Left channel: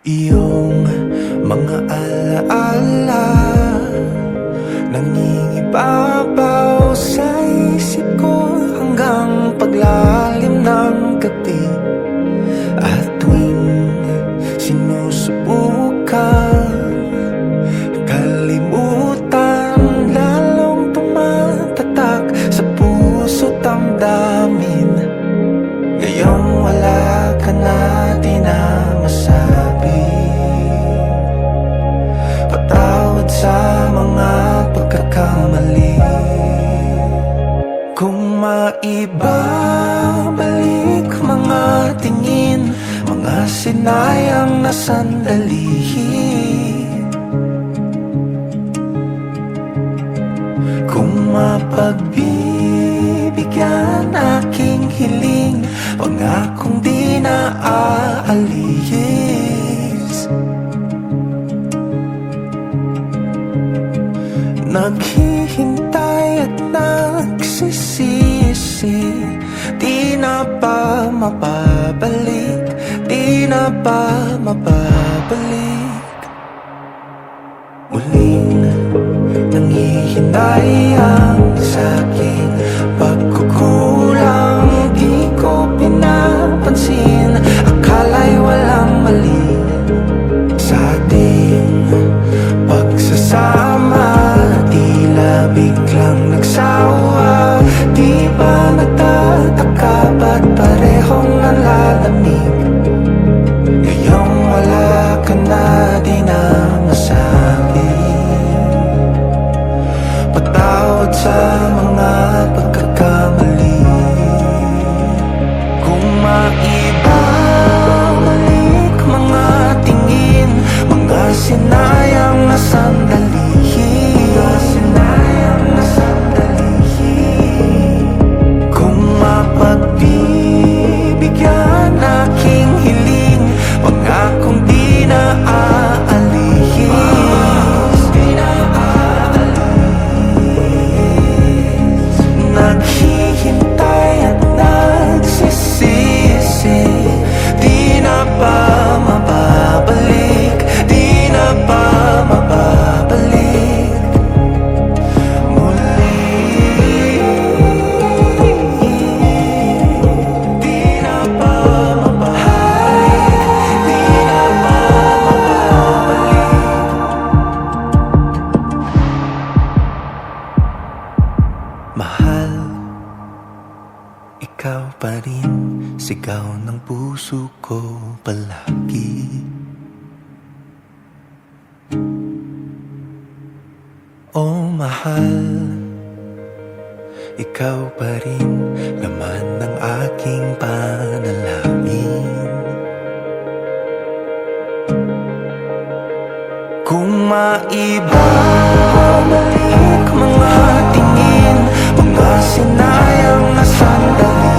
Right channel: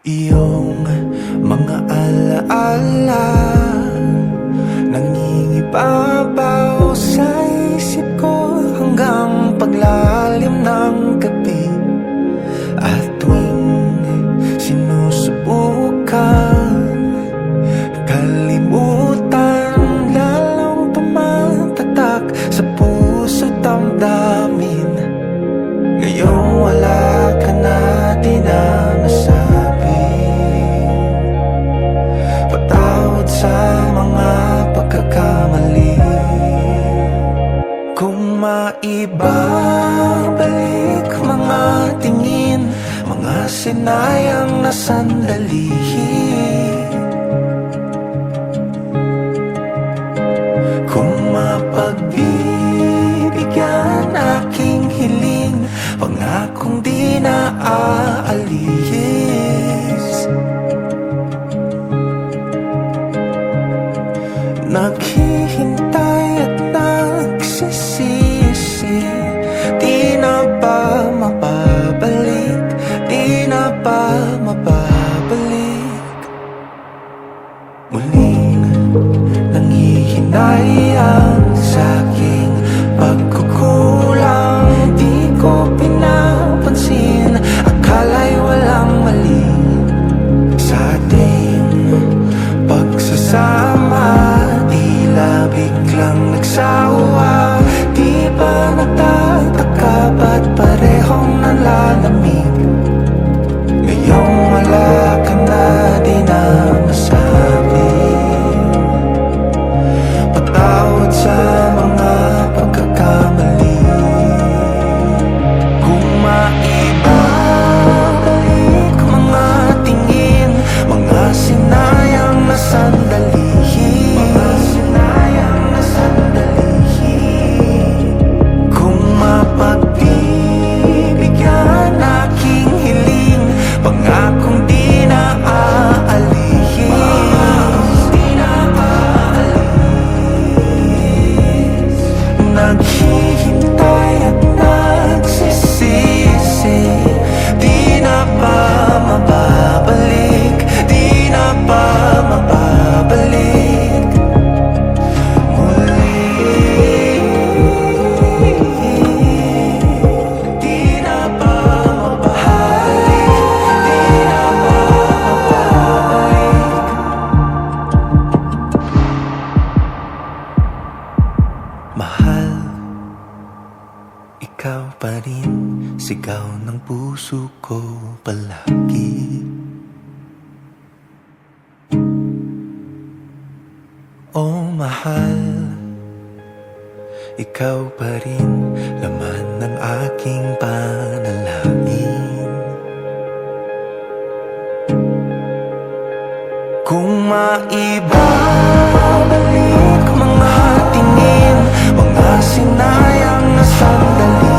Iyong mga alaala nangingibabaw sa isip ko hanggang paglalim ng gabi. At tuwing sinusubukan kalimutan, lalong tumatatak sa puso't damdamin. Ngayong wala ka na, di na masabi. Patawad sa mga pagkakamali. Kung maibabalik mga tingin, mga sinayang na sandali. Kung mapagbibigyan aking hiling, pangakong di na aalis. Naghihintay at nagsisisi, di na pa mapabalik, di na pa mapabalik. Muling nanghihinayang sa'king pagkukulang, di ko pinapansin, akala'y walang mali sa ating pagsasama. Tila biglang nagsawa, di ba nagtataka ba't parehong nanlalamig? Ngayong wala ka na, di na masabi. Patawad sa mga pagkakamali. Kung maibabalik mga tingin, mga sinayang na sandali. Kung mapagbibigyan aking hiling, pangakong di na aalis. Naghihintay at nagsisisi, di na pa mababalik, di na pa mababalik. Muli, di na pa mababalik, di na pa mababalik. Mahal, ikaw pa rin, sigaw ng puso ko palagi. Oh mahal, ikaw pa rin, laman ng aking panalangin. Kung maibabalik mga tingin, mga sinayang na sandali.